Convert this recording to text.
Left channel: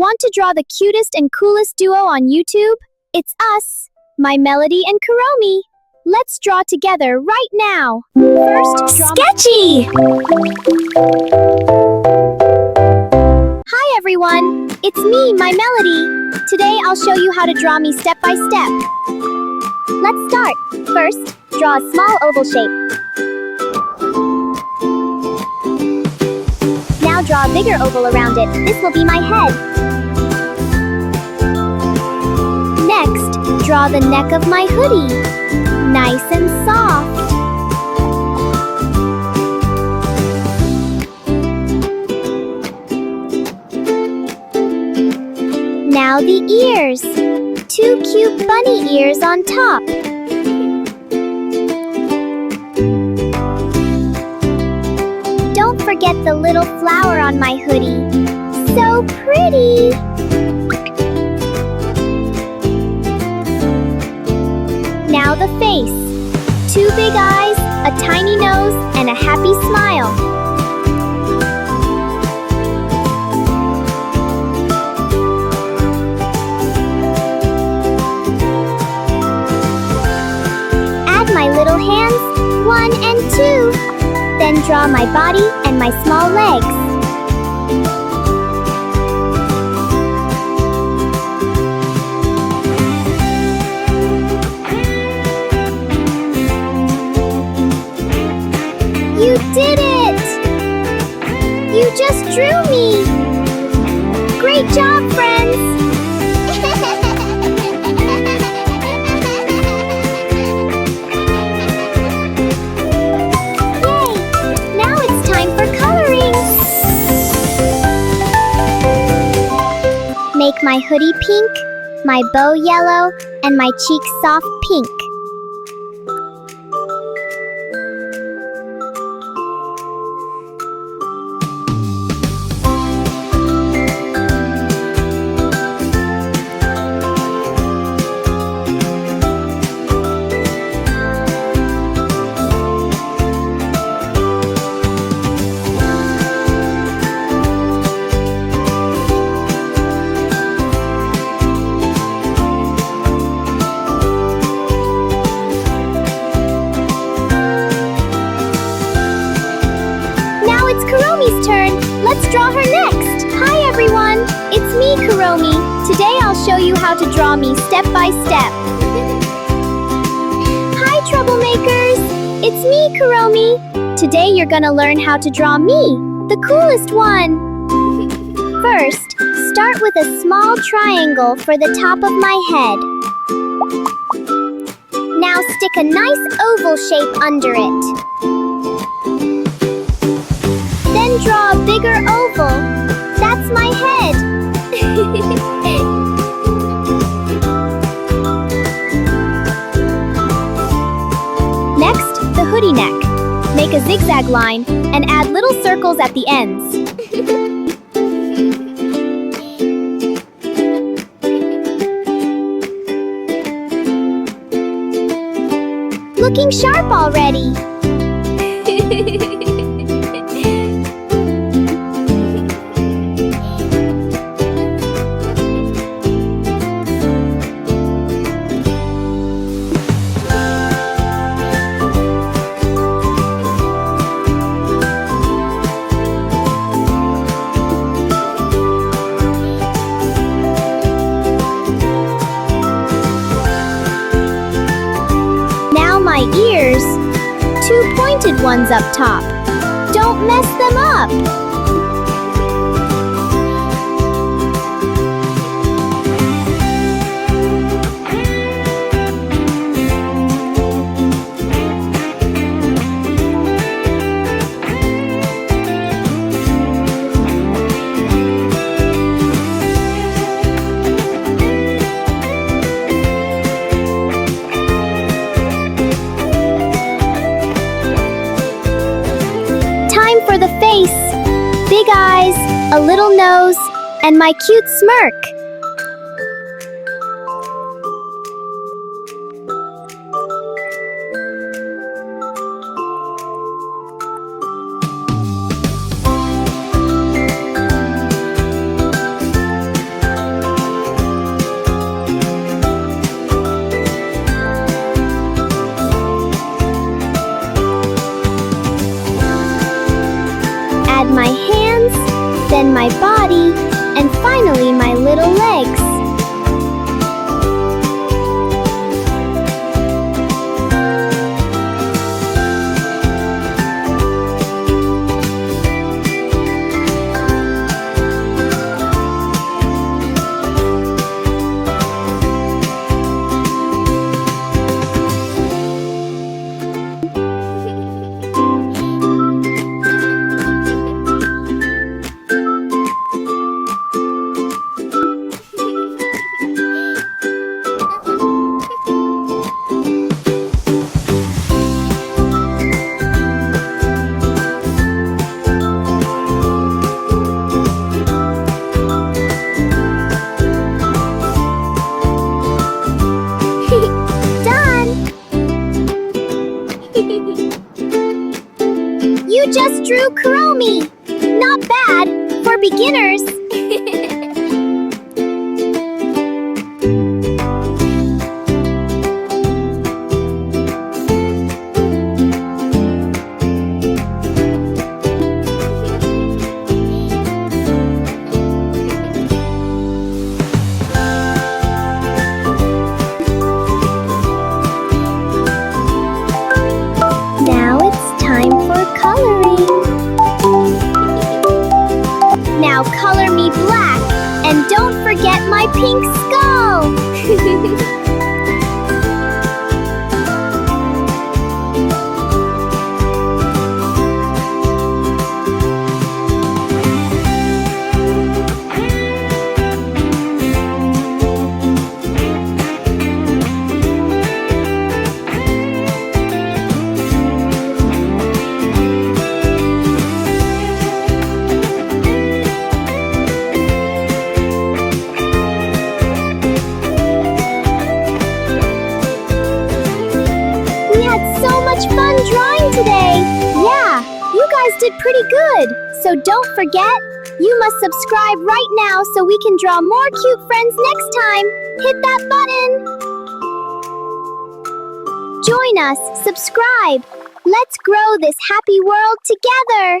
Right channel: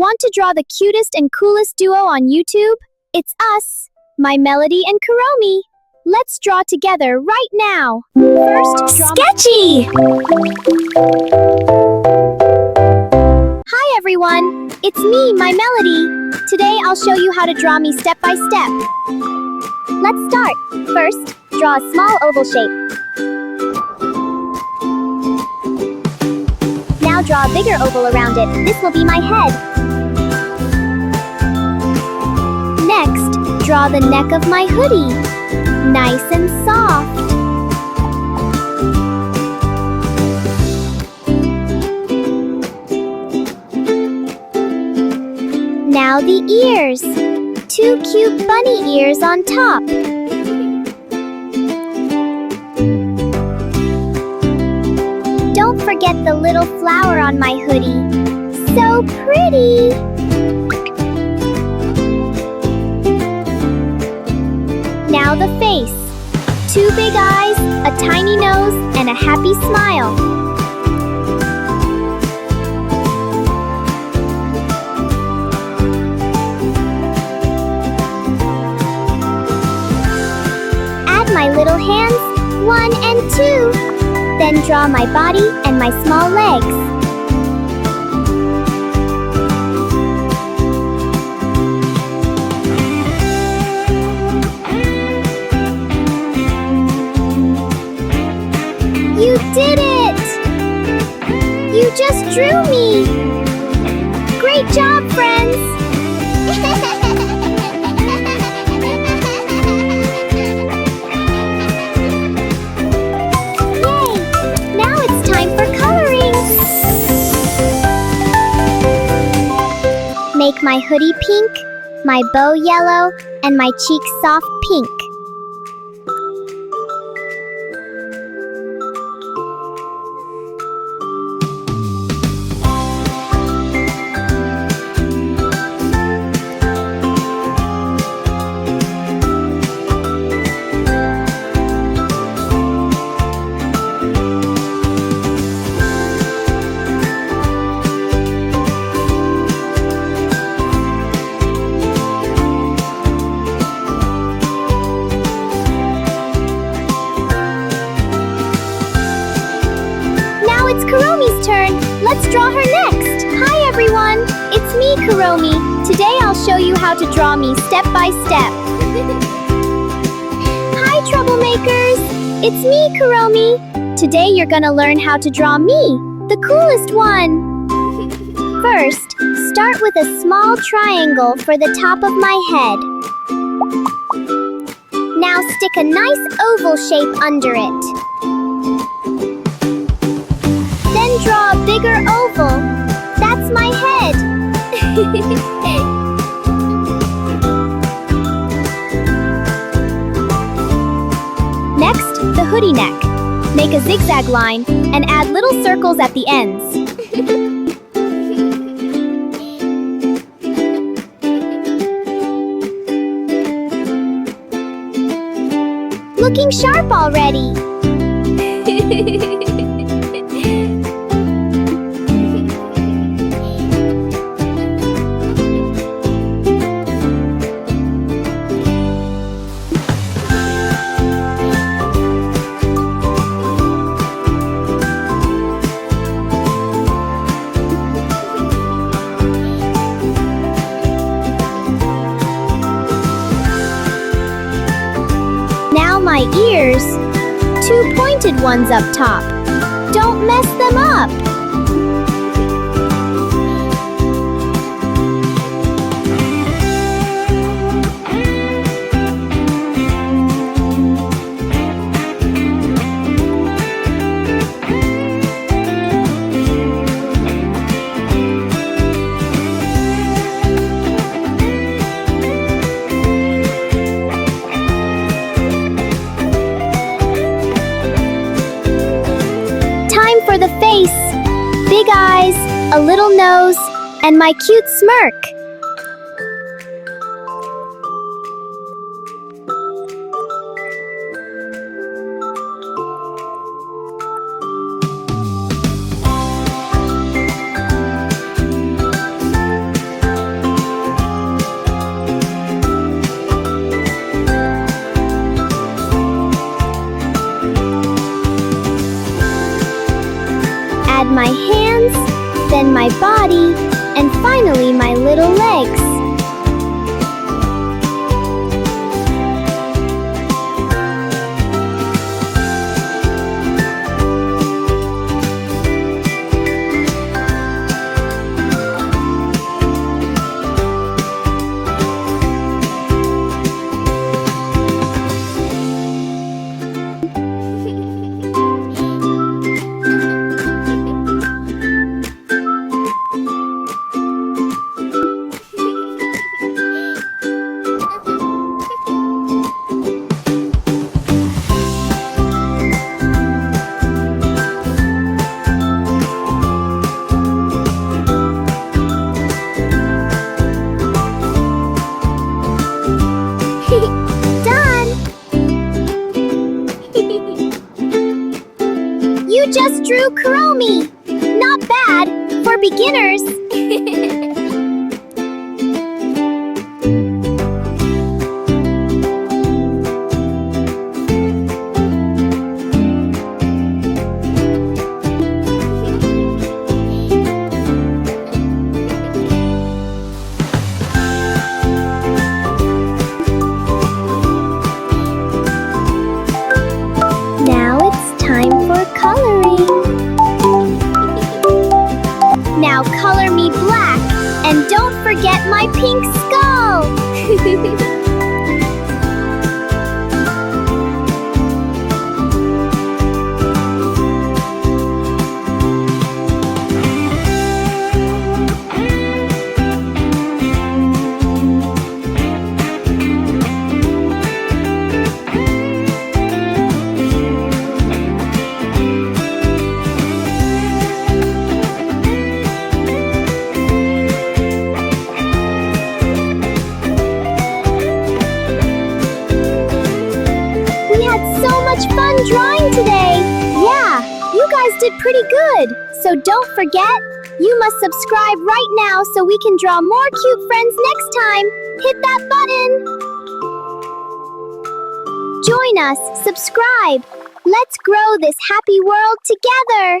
Want to draw the cutest and coolest duo on YouTube? It's us, My Melody and Kuromi. Let's draw together right now. First, draw Sketchy! Hi everyone, it's me, My Melody. Today I'll show you how to draw me step by step. Let's start. First, draw a small oval shape. Now draw a bigger oval around it. This will be my head. Next, draw the neck of my hoodie. Nice and soft. Now the ears. Two cute bunny ears on top. Don't forget the little flower on my hoodie. So pretty! Now the face. Two big eyes, a tiny nose, and a happy smile. Add my little hands, 1 and 2. Then draw my body and my small legs. You did it! You just drew me! Great job, friends! Make my hoodie pink, my bow yellow, and my cheeks soft pink. It's Kuromi's turn. Let's draw her next. Hi everyone, it's me, Kuromi. Today I'll show you how to draw me step by step. Hi troublemakers, it's me, Kuromi. Today you're gonna learn how to draw me, the coolest one. First, start with a small triangle for the top of my head. Now stick a nice oval shape under it. Then draw a bigger oval. That's my head. Next, the hoodie neck. Make a zigzag line and add little circles at the ends. Looking sharp already. Now my ears, 2 pointed ones up top. Don't mess them up. For the face, big eyes, a little nose, and my cute smirk. add my hands, then my body, and finally my little legs. You just drew Kuromi! Not bad, for beginners! Now it's time for coloring. Now color me black, and don't forget my pink skull! So much fun drawing today! Yeah, you guys did pretty good! So don't forget, you must subscribe right now so we can draw more cute friends next time! Hit that button! Join us, subscribe! Let's grow this happy world together!